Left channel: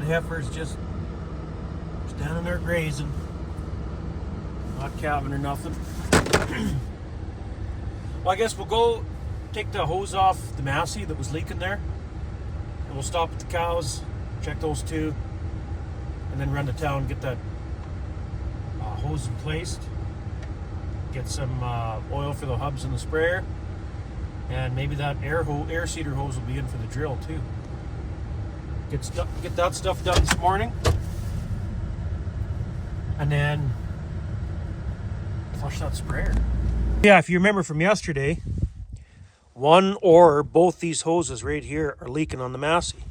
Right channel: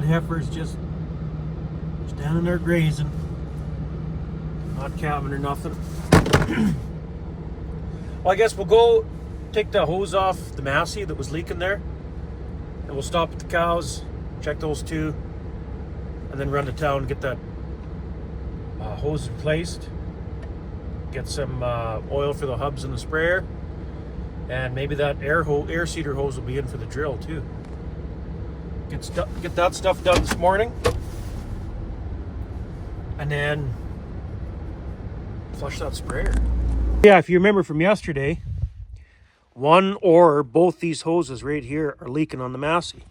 that heifer's just standing there grazing. Not calving or nothing. Well, I guess we'll go take the hose off the Massey that was leaking there. And we'll stop at the cows, check those two, and then run to town and get that hose replaced. Get some oil for the hubs and the sprayer. And maybe that air seeder hose will be in for the drill too. Get that stuff done this morning. And then flush that sprayer. Yeah, if you remember from yesterday, one or both these hoses right here are leaking on the Massey.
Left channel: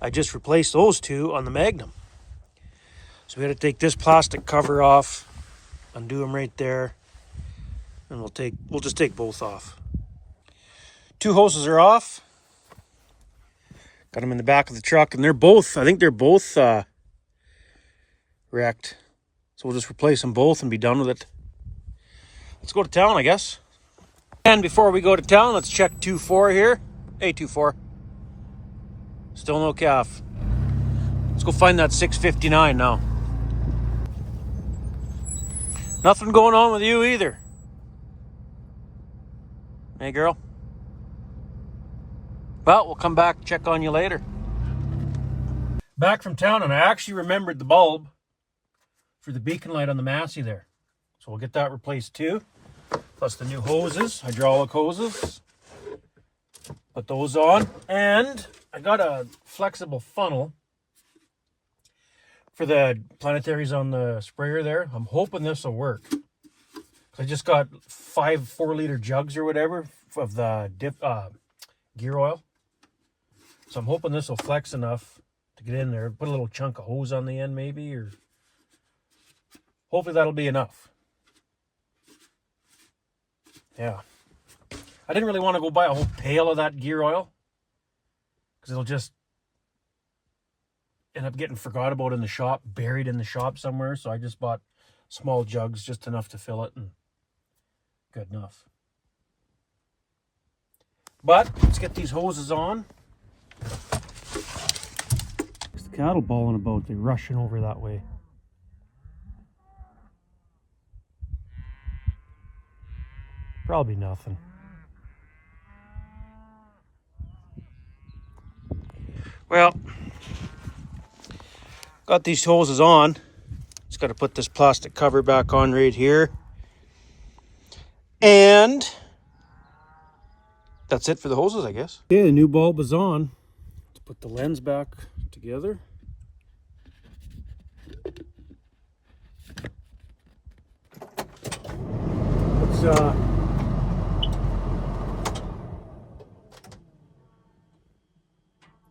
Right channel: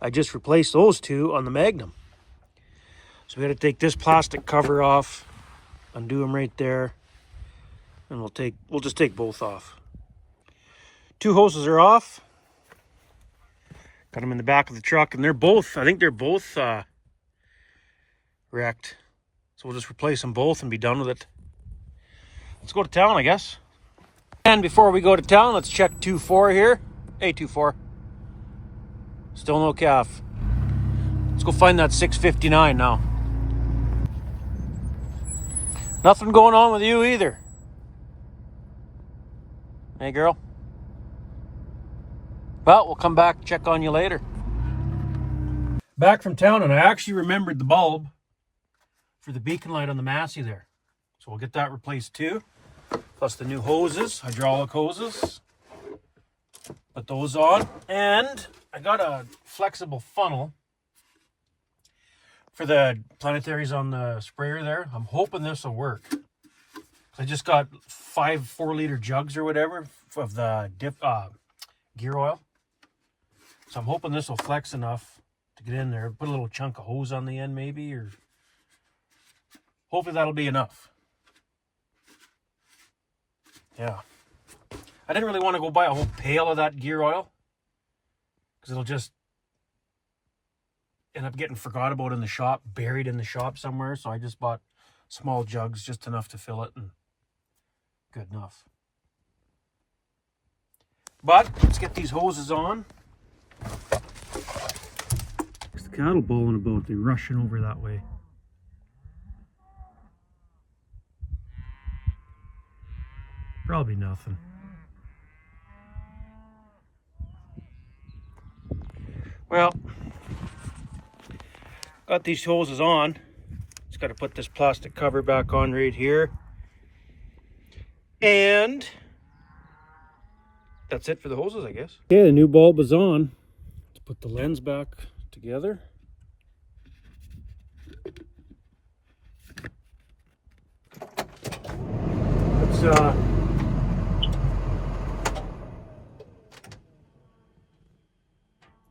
I just replaced those two on the Magnum. So we had to take this plastic cover off, undo them right there, and we'll just take both off. Two hoses are off. Got them in the back of the truck, and I think they're both wrecked. So we'll just replace them both and be done with it. Let's go to town, I guess. And before we go to town, let's check 2-4 here. Hey, 2-4. Still no calf. Let's go find that 659 now. Nothing going on with you either. Hey, girl. Well, we'll come back and check on you later. Back from town, and I actually remembered the bulb for the beacon light on the Massey there. So we'll get that replaced too. Plus the new hoses, hydraulic hoses. Put those on. And I got a flexible funnel for the planetaries on the sprayer there. I'm hoping this will work. I just got 5 4-liter jugs or whatever of the gear oil. So I'm hoping this will flex enough to get in there. Put a little chunk of hose on the end maybe, or hopefully that'll be enough. Yeah. I didn't really want to go buy a whole pail of that gear oil because it'll just end up getting forgot about in the shop, buried in the shop somewhere. So I just bought small jugs, just enough to fill it, and good enough. But let's get these hoses on. There's the cattle bawling about. They're rushing over that way. Probably nothing. Well, got these hoses on. Just got to put this plastic cover back on right here. And that's it for the hoses, I guess. Okay, the new bulb is on. Let's put the lens back together. Let's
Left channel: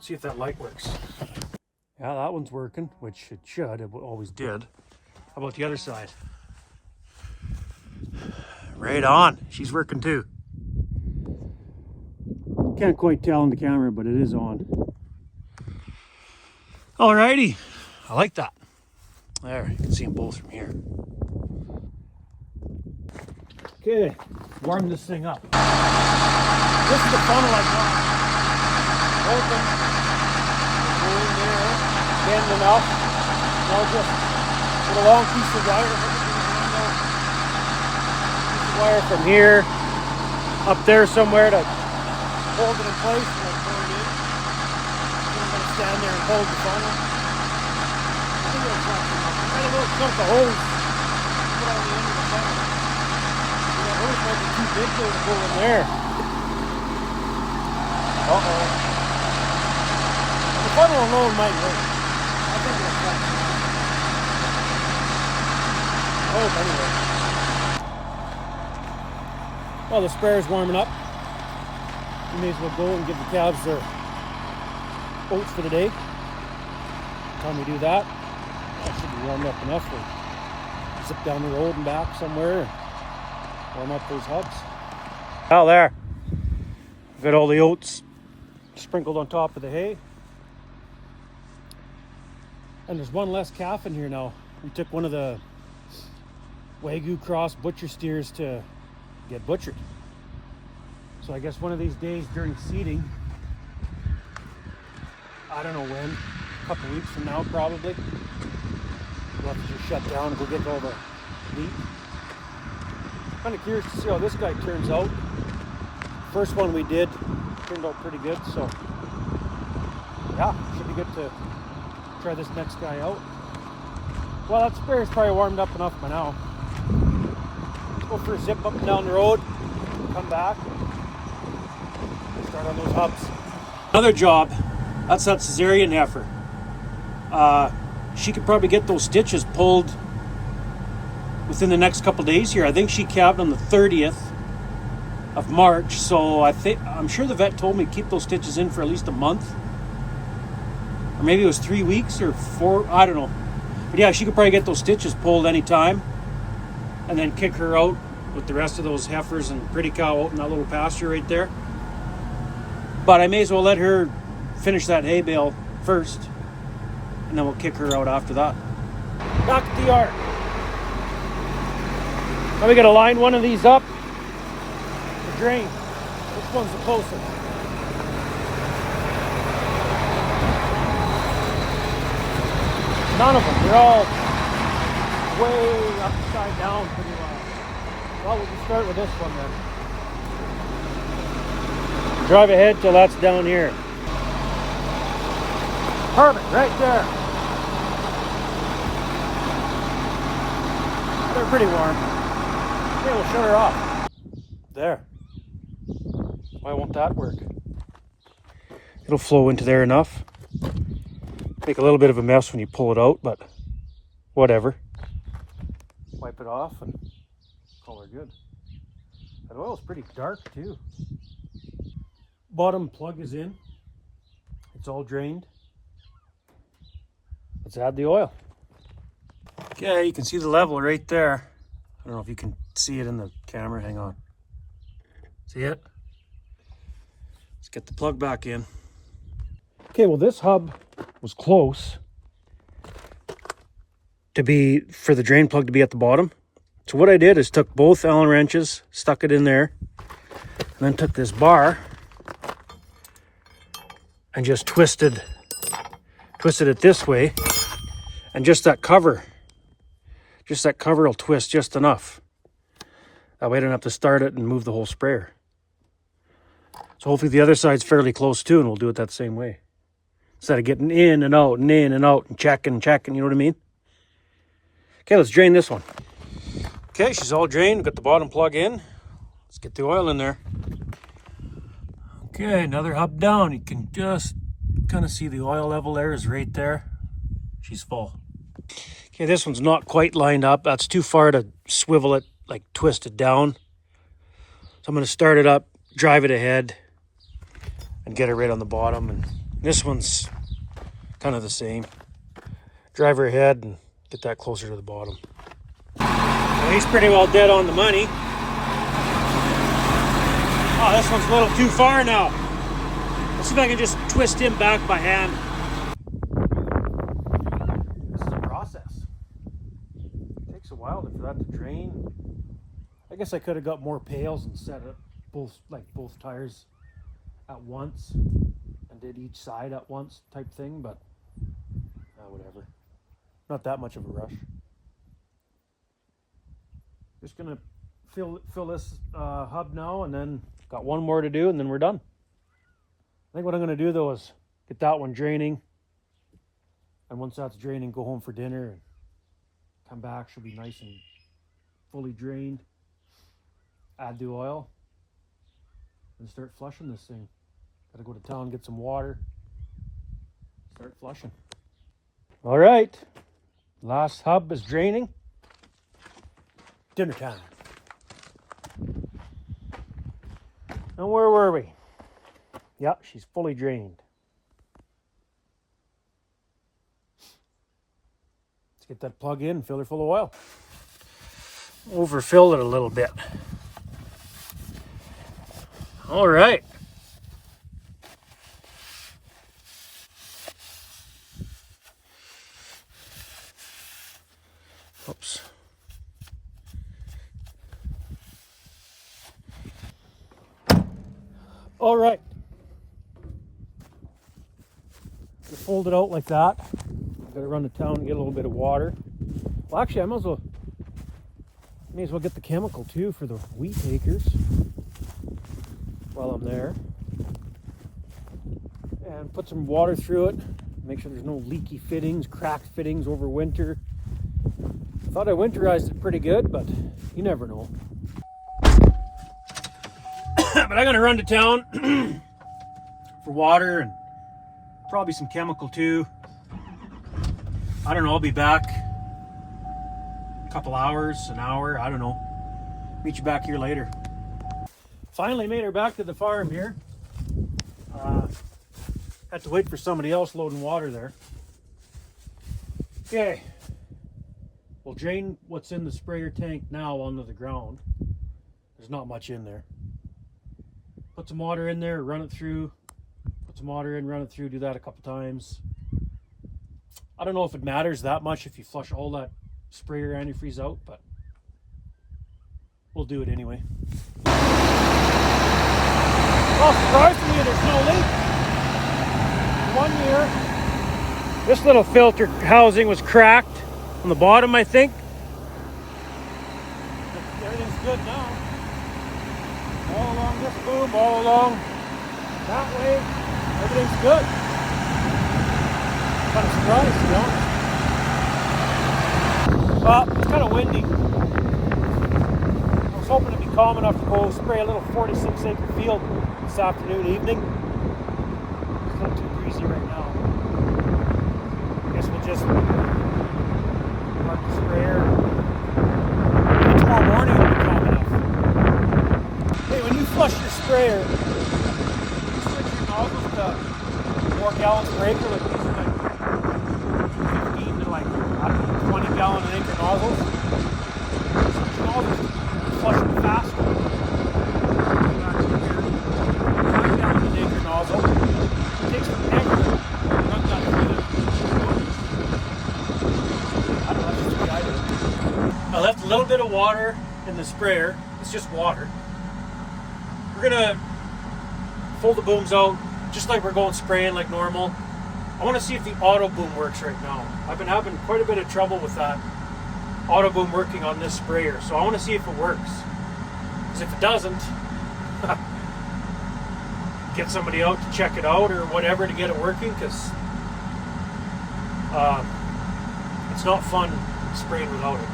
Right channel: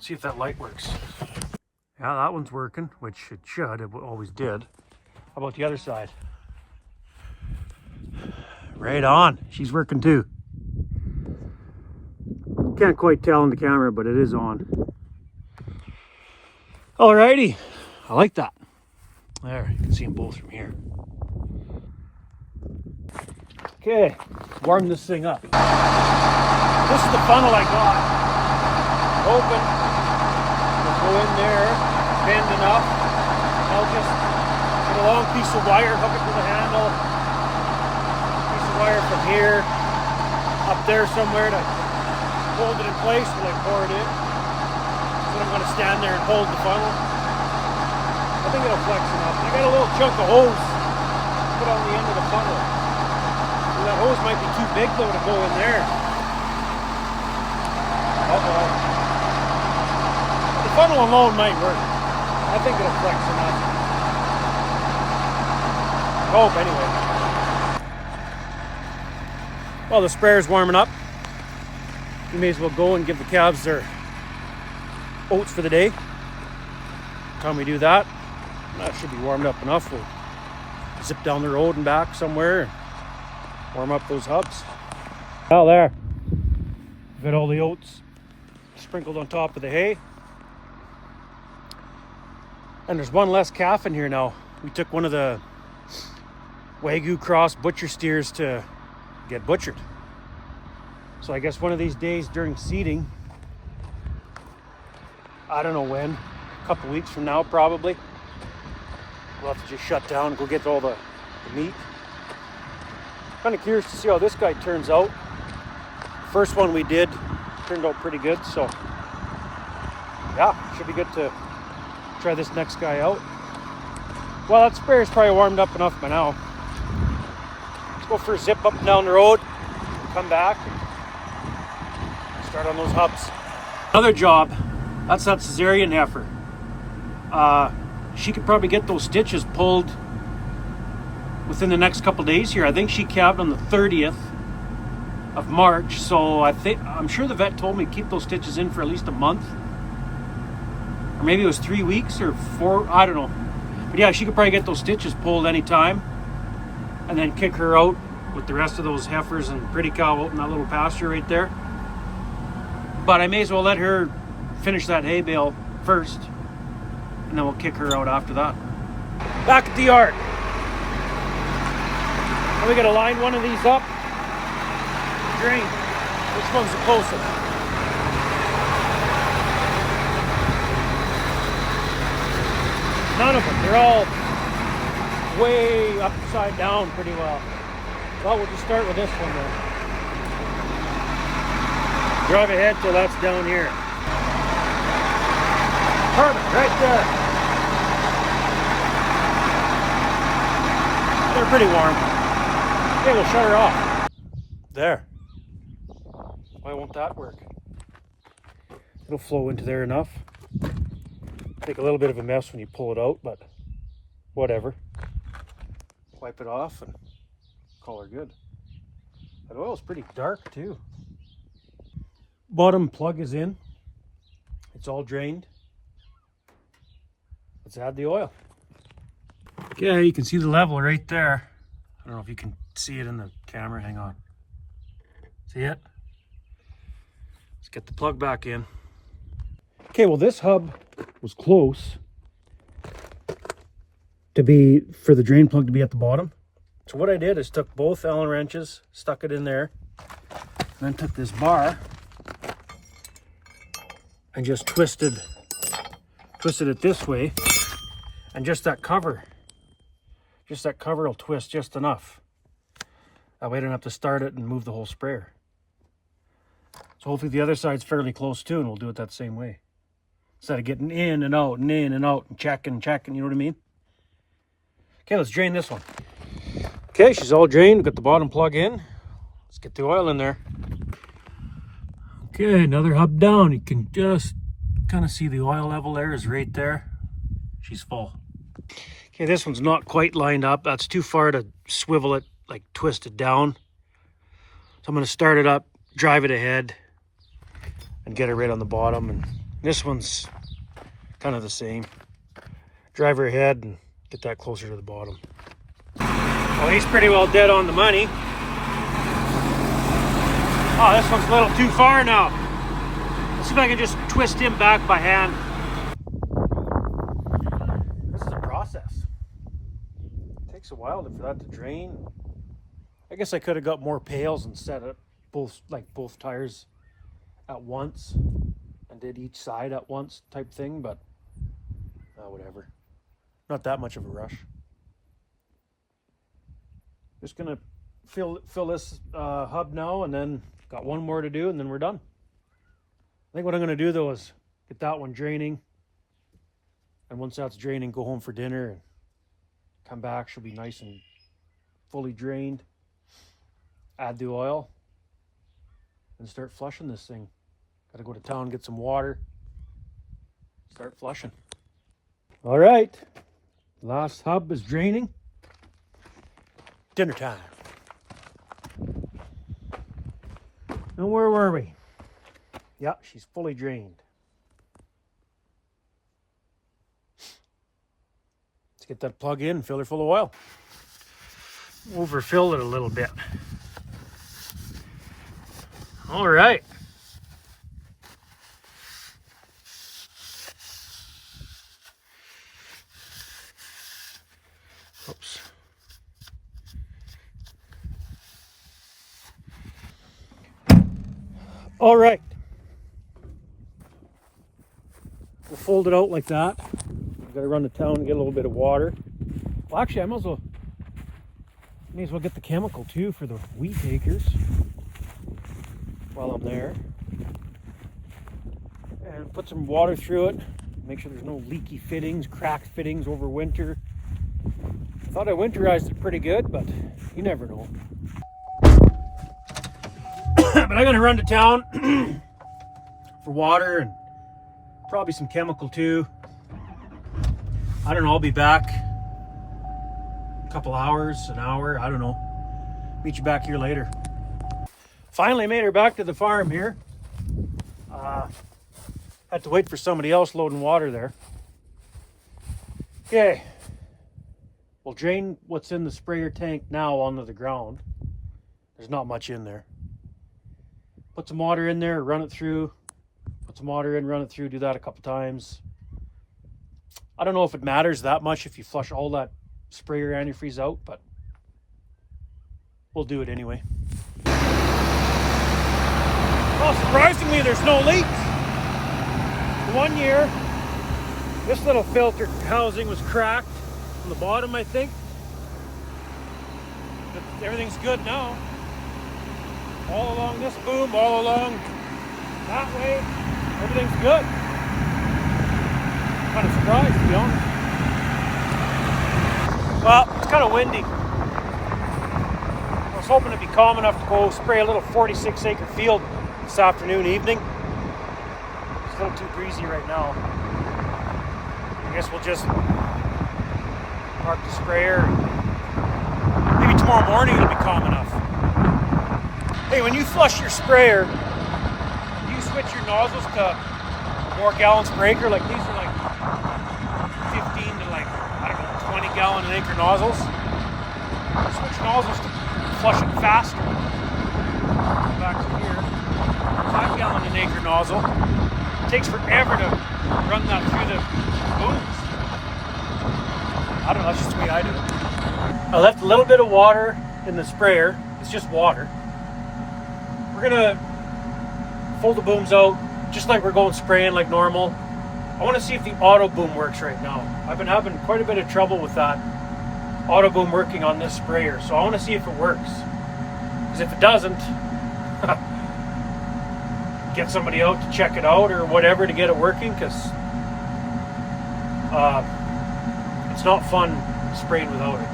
see if that light works. Yeah, that one's working, which it should. It always did. How about the other side? Right on. She's working too. Can't quite tell in the camera, but it is on. Alrighty. I like that. There, you can see them both from here. Okay, warm this thing up. This is the funnel I got. Open. Go in there, bend enough, and I'll just put a long piece of wire, hook it to the handle, piece of wire from here up there somewhere to hold it in place till I pour it in. Then I'm going to stand there and hold the funnel. I think it'll flex enough. I got a little chunk of hose to put on the end of the funnel. So that hose might be too big though to go in there. Uh-oh. The funnel alone might work. I think it'll flex enough. I hope, anyway. Well, the sprayer's warming up. We may as well go and give the calves their oats for the day. Time we do that, that should be warmed up enough. We'll zip down the road and back somewhere and warm up those hubs. Now there, we've got all the oats sprinkled on top of the hay. And there's one less calf in here now. We took one of the Wagyu cross butcher steers to get butchered. So I guess one of these days during seeding, I don't know when, couple weeks from now probably. We'll have to just shut down and go get all the meat. Kind of curious to see how this guy turns out. The first one we did turned out pretty good, so yeah, should be good to try this next guy out. Well, that sprayer's probably warmed up enough by now. Let's go for a zip up and down the road, come back, and start on those hubs. Another job, that's that cesarean heifer. She could probably get those stitches pulled within the next couple days here. I think she calved on the 30th of March, so I'm sure the vet told me to keep those stitches in for at least a month. Or maybe it was 3 weeks or 4, I don't know. But yeah, she could probably get those stitches pulled anytime and then kick her out with the rest of those heifers and pretty cow out in that little pasture right there. But I may as well let her finish that hay bale first, and then we'll kick her out after that. Back at the yard. Now we gotta line one of these up. Drain. Which one's the closest? None of them. They're all way upside down pretty well. Well, we'll just start with this one then. Drive ahead till that's down here. Perfect, right there. They're pretty warm. Okay, we'll shut her off. There. Why won't that work? It'll flow into there enough. Make a little bit of a mess when you pull it out, but whatever. Wipe it off and call her good. That oil's pretty dark too. Bottom plug is in. It's all drained. Let's add the oil. Okay, you can see the level right there. I don't know if you can see it in the camera. Hang on. See it? Let's get the plug back in. Okay, well this hub was close to be for the drain plug to be at the bottom. So what I did is took both Allen wrenches, stuck it in there, and then took this bar and just twisted it this way, and just that cover will twist just enough. That way I don't have to start it and move the whole sprayer. So hopefully the other side's fairly close too, and we'll do it that same way. Instead of getting in and out and in and out and checking, you know what I mean? Okay, let's drain this one. Okay, she's all drained. Got the bottom plug in. Let's get the oil in there. Okay, another hub down. You can just kind of see the oil level there is right there. She's full. Okay, this one's not quite lined up. That's too far to swivel it, like twist it down. So I'm going to start it up, drive it ahead, and get it right on the bottom. And this one's kind of the same. Drive her ahead and get that closer to the bottom. Well, he's pretty well dead on the money. Oh, this one's a little too far now. Let's see if I can just twist him back by hand. This is a process. It takes a while for that to drain. I guess I could have got more pails and set up both tires at once and did each side at once type thing, but whatever. Not that much of a rush. Just gonna fill this hub now, and then got one more to do, and then we're done. I think what I'm gonna do though is get that one draining, and once that's draining, go home for dinner and come back. She'll be nice and fully drained. Add the oil and start flushing this thing. Gotta go to town, get some water, start flushing. All right, last hub is draining. Dinner time. Now where were we? Yeah, she's fully drained. Let's get that plug in and fill her full of oil. Overfill it a little bit. All right. Oops. All right. We'll fold it out like that. I'm gonna run to town and get a little bit of water. Well, actually, I may as well get the chemical too for the wheat acres while I'm there. And put some water through it. Make sure there's no leaky fittings, cracked fittings over winter. I thought I winterized it pretty good, but you never know. But I'm gonna run to town for water and probably some chemical too. I don't know, I'll be back a couple hours, an hour, I don't know. Meet you back here later. Finally made her back to the farm here. Had to wait for somebody else loading water there. Okay. We'll drain what's in the sprayer tank now onto the ground. There's not much in there. Put some water in there, run it through. Put some water in, run it through, do that a couple times. I don't know if it matters that much if you flush all that sprayer antifreeze out, but we'll do it anyway. Well, surprisingly, there's no leaks. The 1 year, this little filter housing was cracked on the bottom, I think. But everything's good now. All along this boom, all along that way, everything's good. Kind of surprised, to be honest. Well, it's kind of windy. I was hoping to be calm enough to go spray a little 46-acre field this afternoon, evening. It's a little too breezy right now. I guess we'll just park the sprayer. Maybe tomorrow morning it'll be calm enough. Hey, when you flush your sprayer, do you switch your nozzles to more gallons per acre? Like these are like 15 to like, I don't know, 20 gallon an acre nozzles. I switch nozzles to flush it faster. Go back to here, 5 gallon an acre nozzle. It takes forever to run that through the booms. I don't know, that's just the way I do it. I left a little bit of water in the sprayer. It's just water. We're gonna fold the booms out just like we're going spraying like normal. I want to see if the auto boom works right now. I've been having quite a bit of trouble with that auto boom working on this sprayer, so I want to see if it works. Because if it doesn't, get somebody out to check it out or whatever to get it working, because it's not fun spraying without it.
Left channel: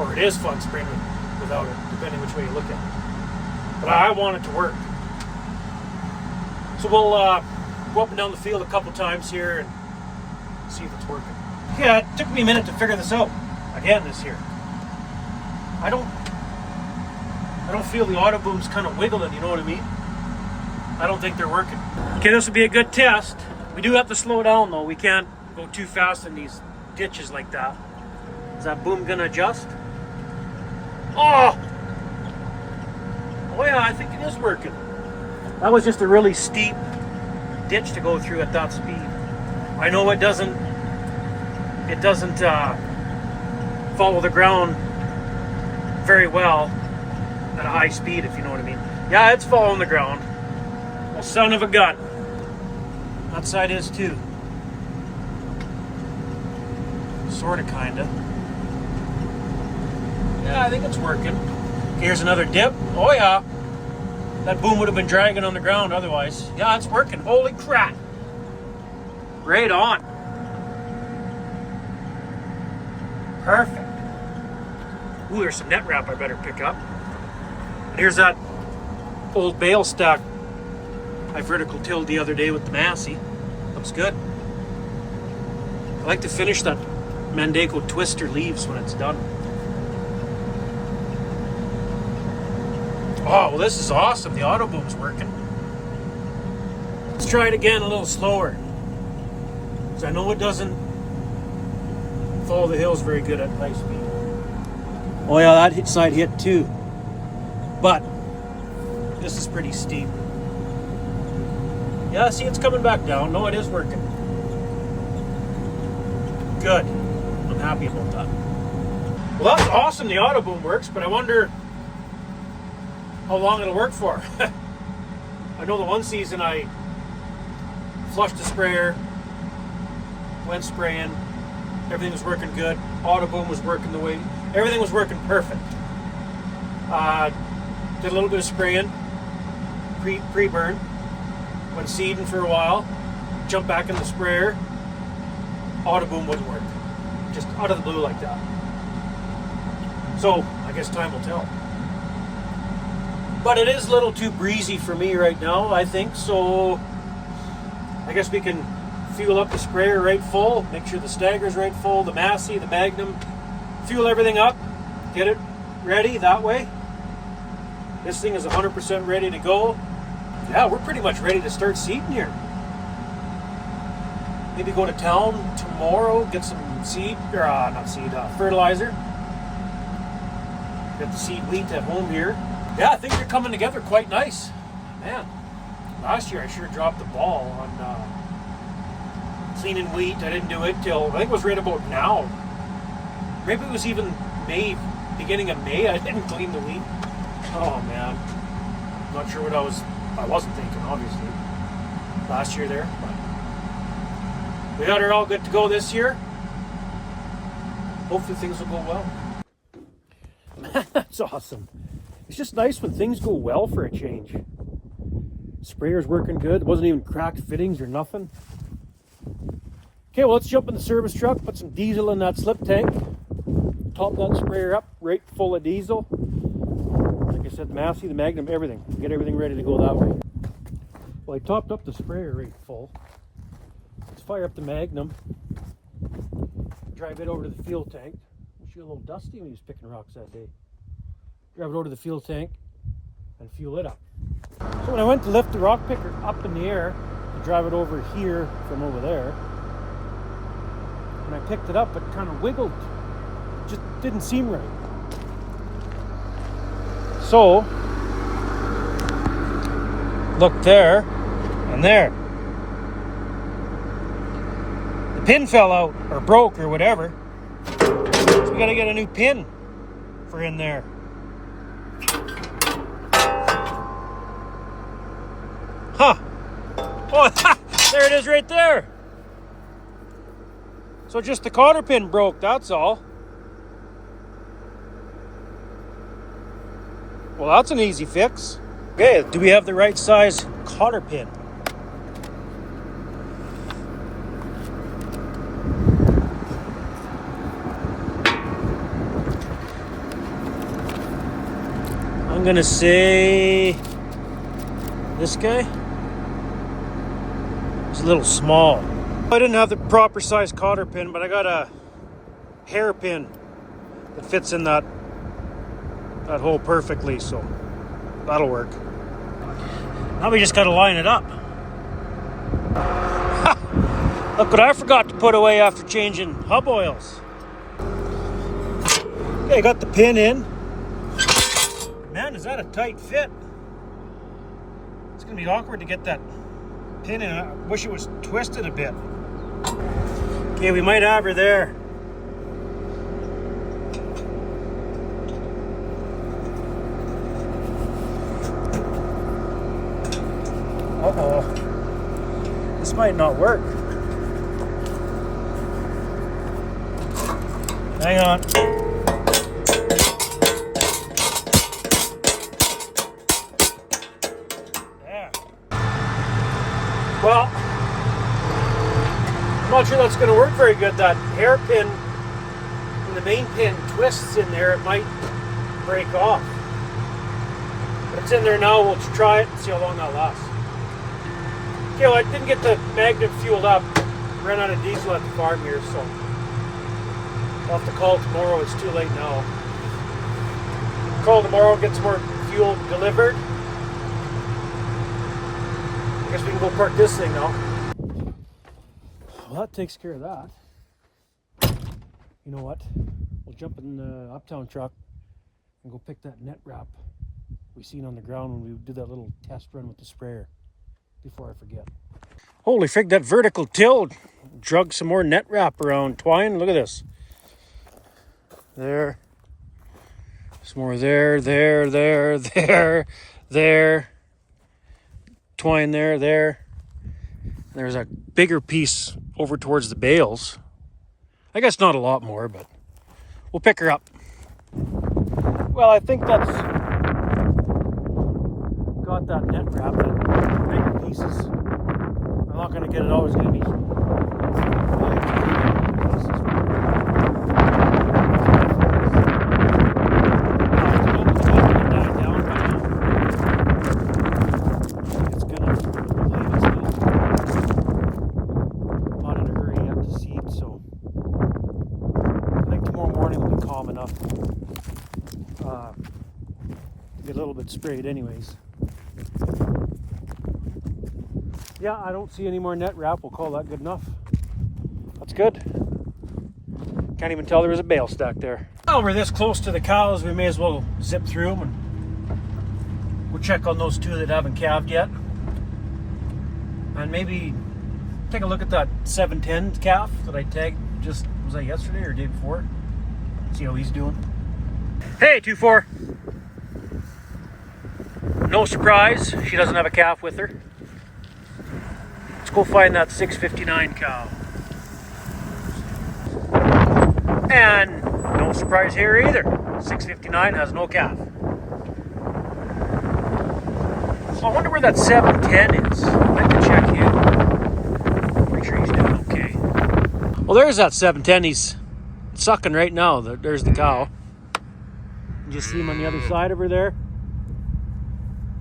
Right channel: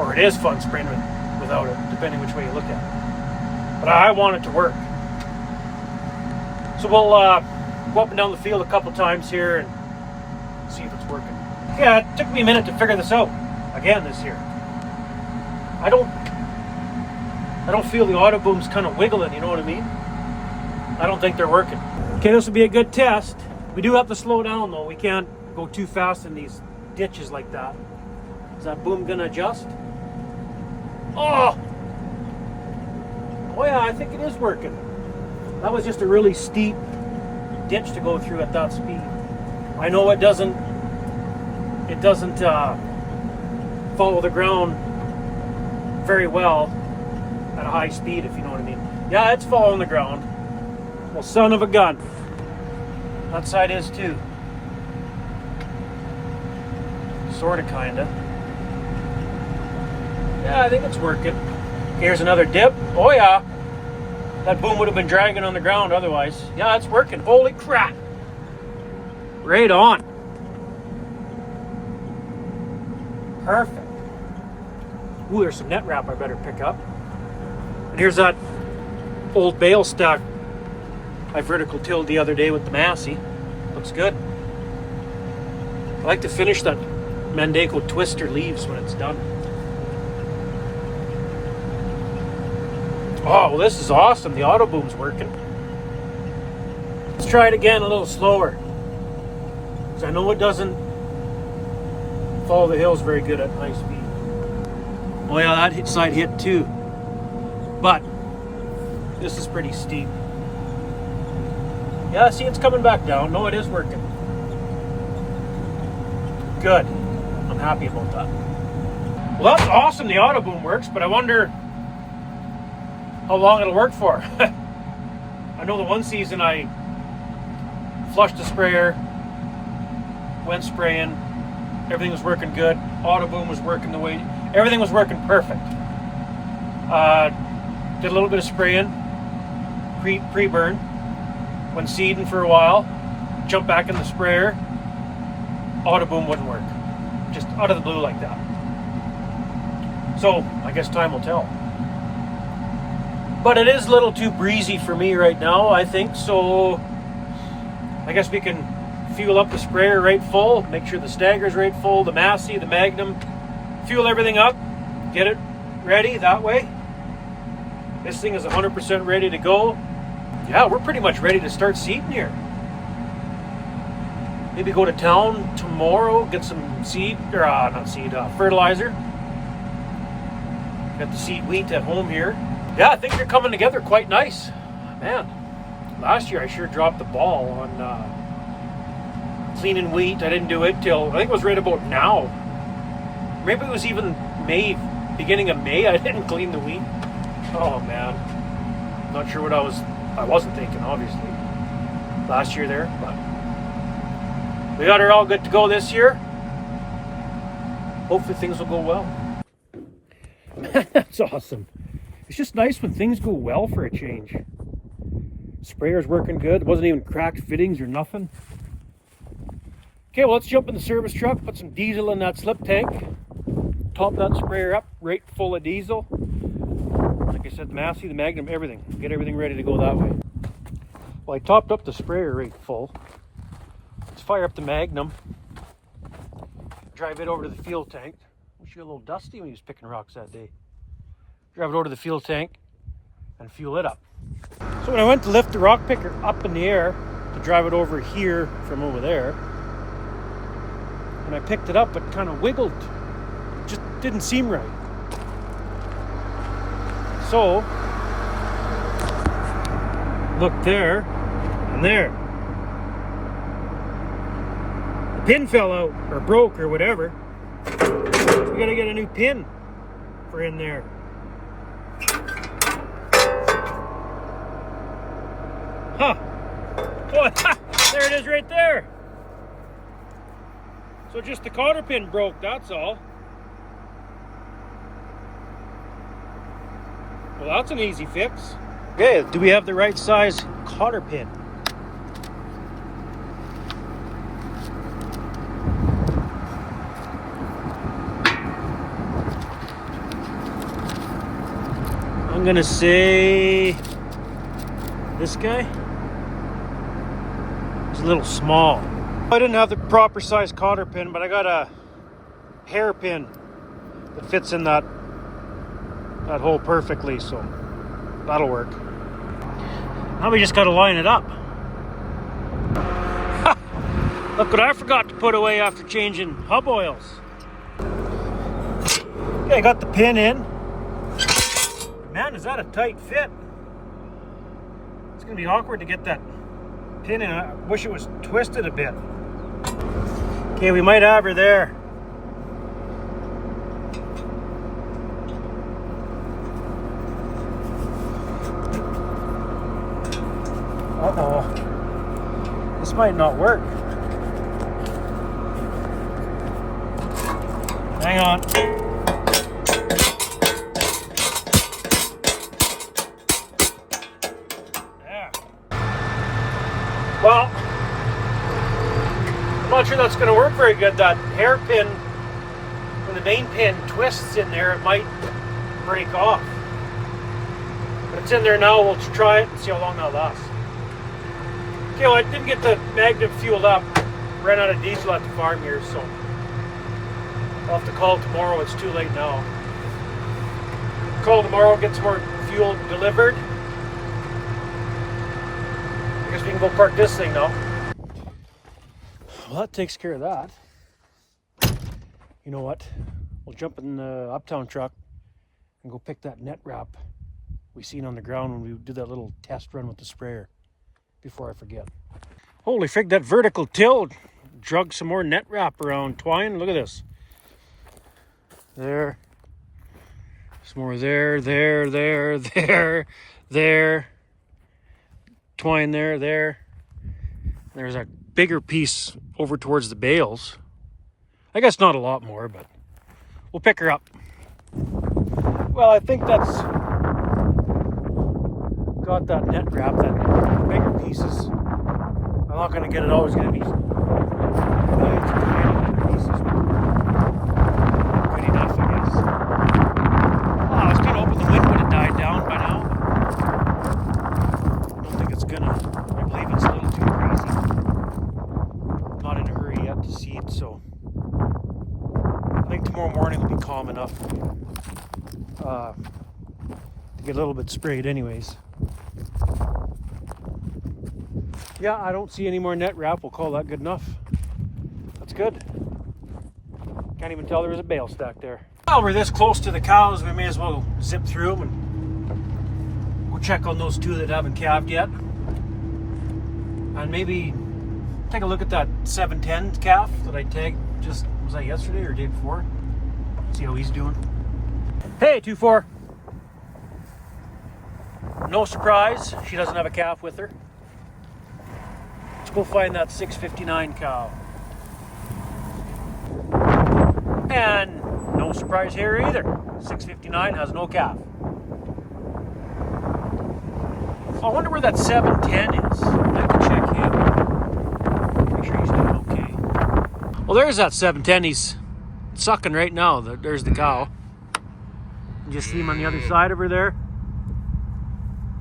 Or it is fun spraying without it, depending which way you look at it. But I want it to work. So we'll go up and down the field a couple times here and see if it's working. Yeah, it took me a minute to figure this out again this year. I don't feel the auto booms kind of wiggling, you know what I mean? I don't think they're working. Okay, this will be a good test. We do have to slow down though. We can't go too fast in these ditches like that. Is that boom gonna adjust? Oh yeah, I think it is working. That was just a really steep ditch to go through at that speed. I know it doesn't follow the ground very well at a high speed, if you know what I mean. Yeah, it's following the ground. Well, son of a gun. That side is too. Sorta, kinda. Yeah, I think it's working. Here's another dip. Oh yeah. That boom would have been dragging on the ground otherwise. Yeah, it's working. Holy crap. Right on. Perfect. Ooh, there's some net wrap I better pick up. And here's that old bale stack I vertical tilled the other day with the Massey. Looks good. I like to finish that Mandaco twister leaves when it's done. Oh, well, this is awesome. The auto boom's working. Let's try it again a little slower. Because I know it doesn't follow the hills very good at high speed. Oh yeah, that side hit too. But this is pretty steep. Yeah, see, it's coming back down. No, it is working. Good. I'm happy about that. Well, that's awesome. The auto boom works, but I wonder how long it'll work for. I know the one season I flushed the sprayer, went spraying, everything was working good, auto boom was working the way, everything was working perfect. Did a little bit of spraying, pre-burn, went seeding for a while, jumped back in the sprayer, auto boom wouldn't work. Just out of the blue like that. So, I guess time will tell. But it is a little too breezy for me right now, I think, so I guess we can fuel up the sprayer right full, make sure the stagger's right full, the Massey, the Magnum, fuel everything up, get it ready that way. This thing is 100% ready to go. Yeah, we're pretty much ready to start seeding here. Maybe go to town tomorrow, get some fertilizer. Got the seed wheat at home here. Yeah, things are coming together quite nice. Man, last year I sure dropped the ball on cleaning wheat. I didn't do it till, I think it was right about now. Maybe it was even May, beginning of May, I didn't clean the wheat. Oh man, not sure what I wasn't thinking, obviously, last year there, but we got her all good to go this year. Hopefully things will go well. That's awesome. It's just nice when things go well for a change. Sprayer's working good. It wasn't even cracked fittings or nothing. Okay, well, let's jump in the service truck, put some diesel in that slip tank, top that sprayer up right full of diesel. Like I said, the Massey, the Magnum, everything. Get everything ready to go that way. Well, I topped up the sprayer right full. Let's fire up the Magnum, drive it over to the fuel tank. Wish you got a little dusty when he was picking rocks that day. Drive it over to the fuel tank and fuel it up. So when I went to lift the rock picker up in the air to drive it over here from over there, when I picked it up, it kind of wiggled. It just didn't seem right. So, look there and there. The pin fell out or broke or whatever. So we gotta get a new pin for in there. Huh. Oh, there it is right there. So just the cotter pin broke, that's all. Well, that's an easy fix. Okay, do we have the right size cotter pin? I'm gonna say this guy. It's a little small. I didn't have the proper size cotter pin, but I got a hairpin that fits in that hole perfectly, so that'll work. Now we just gotta line it up. Look what I forgot to put away after changing hub oils. Okay, I got the pin in. Man, is that a tight fit? It's gonna be awkward to get that pin in. I wish it was twisted a bit. Okay, we might have her there. Uh-oh. This might not work. Hang on. Well, I'm not sure that's going to work very good. That hairpin when the main pin twists in there, it might break off. But it's in there now. We'll try it and see how long that lasts. Okay, well, I didn't get the Magnum fueled up. Ran out of diesel at the farm here, so I'll have to call tomorrow. It's too late now. Call tomorrow, get some more fuel delivered. I guess we can go park this thing now. Well, that takes care of that. You know what? We'll jump in the Uptown truck and go pick that net wrap we seen on the ground when we did that little test run with the sprayer, before I forget. Holy fig, that vertical till drug some more net wrap around twine. Look at this. There. Some more there. Twine there. There's a bigger piece over towards the bales. I guess not a lot more, but we'll pick her up. Well, I think that's got that net wrap, that bigger pieces. I'm not going to get it all. It's going to be I was kind of hoping the wind would have died down by now. I don't think it's gonna. I believe it's a little too crazy. Not in a hurry yet to seed, so I think tomorrow morning will be calm enough to be a little bit sprayed anyways. Yeah, I don't see any more net wrap. We'll call that good enough. That's good. Can't even tell there was a bale stack there. Well, we're this close to the cows, we may as well zip through them and go check on those two that haven't calved yet. And maybe take a look at that 710 calf that I tagged just, was that yesterday or day before? See how he's doing. Hey, 2-4. No surprise, she doesn't have a calf with her. Let's go find that 659 cow. And no surprise here either. 659 has no calf. So I wonder where that 710 is. I'd like to check him. Make sure he's doing okay. Well, there's that 710. He's sucking right now. There's the cow. You just see him on the other side over there.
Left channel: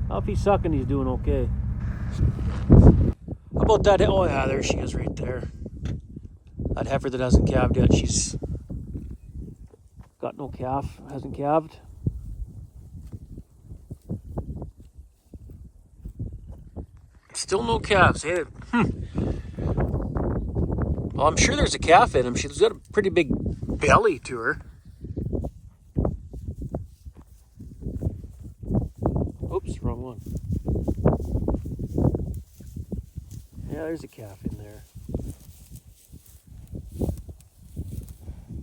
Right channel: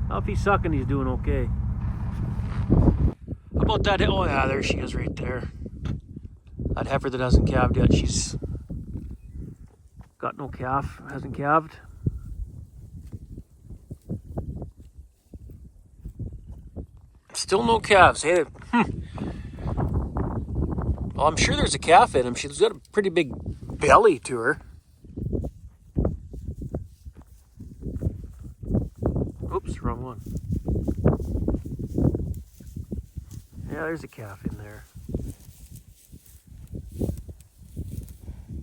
Well, if he's sucking, he's doing okay. How about that? Oh yeah, there she is right there. That heifer that hasn't calved yet, she's got no calf, hasn't calved. Still no calves. Hey, Well, I'm sure there's a calf in him. She's got a pretty big belly to her. Oops, wrong one. Yeah, there's a calf in there.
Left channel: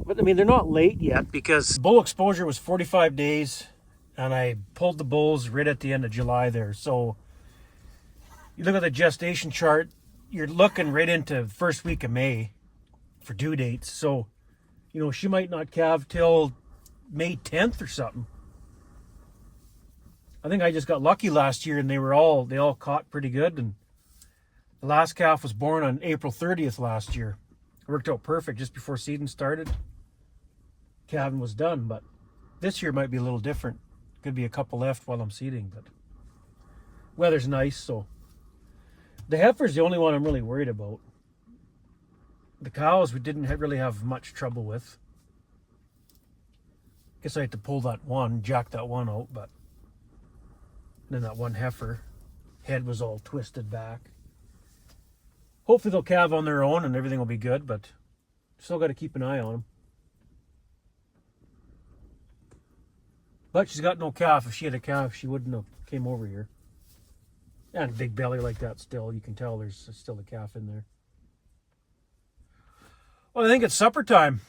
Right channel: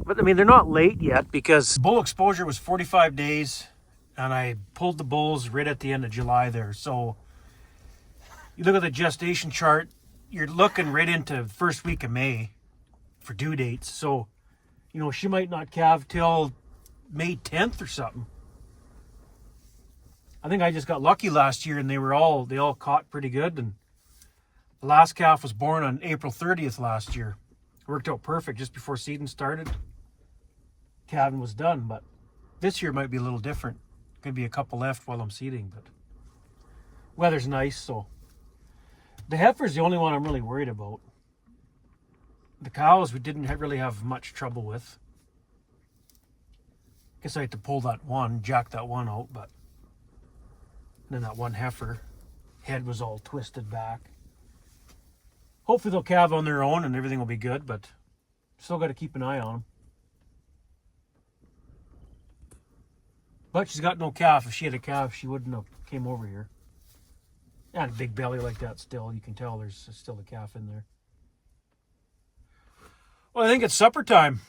But I mean, they're not late yet because bull exposure was 45 days and I pulled the bulls right at the end of July there. So you look at the gestation chart, you're looking right into the first week of May for due dates. So, you know, she might not calve till May 10th or something. I think I just got lucky last year and they all caught pretty good. And the last calf was born on April 30th last year. It worked out perfect just before seeding started. Calving was done, but this year might be a little different. Could be a couple left while I'm seeding, but weather's nice, so. The heifer's the only one I'm really worried about. The cows we didn't really have much trouble with. Guess I had to pull that one, jack that one out, but then that one heifer, head was all twisted back. Hopefully they'll calve on their own and everything will be good, but still got to keep an eye on them. But she's got no calf. If she had a calf, she wouldn't have came over here. And a big belly like that still. You can tell there's still a calf in there. Well, I think it's supper time.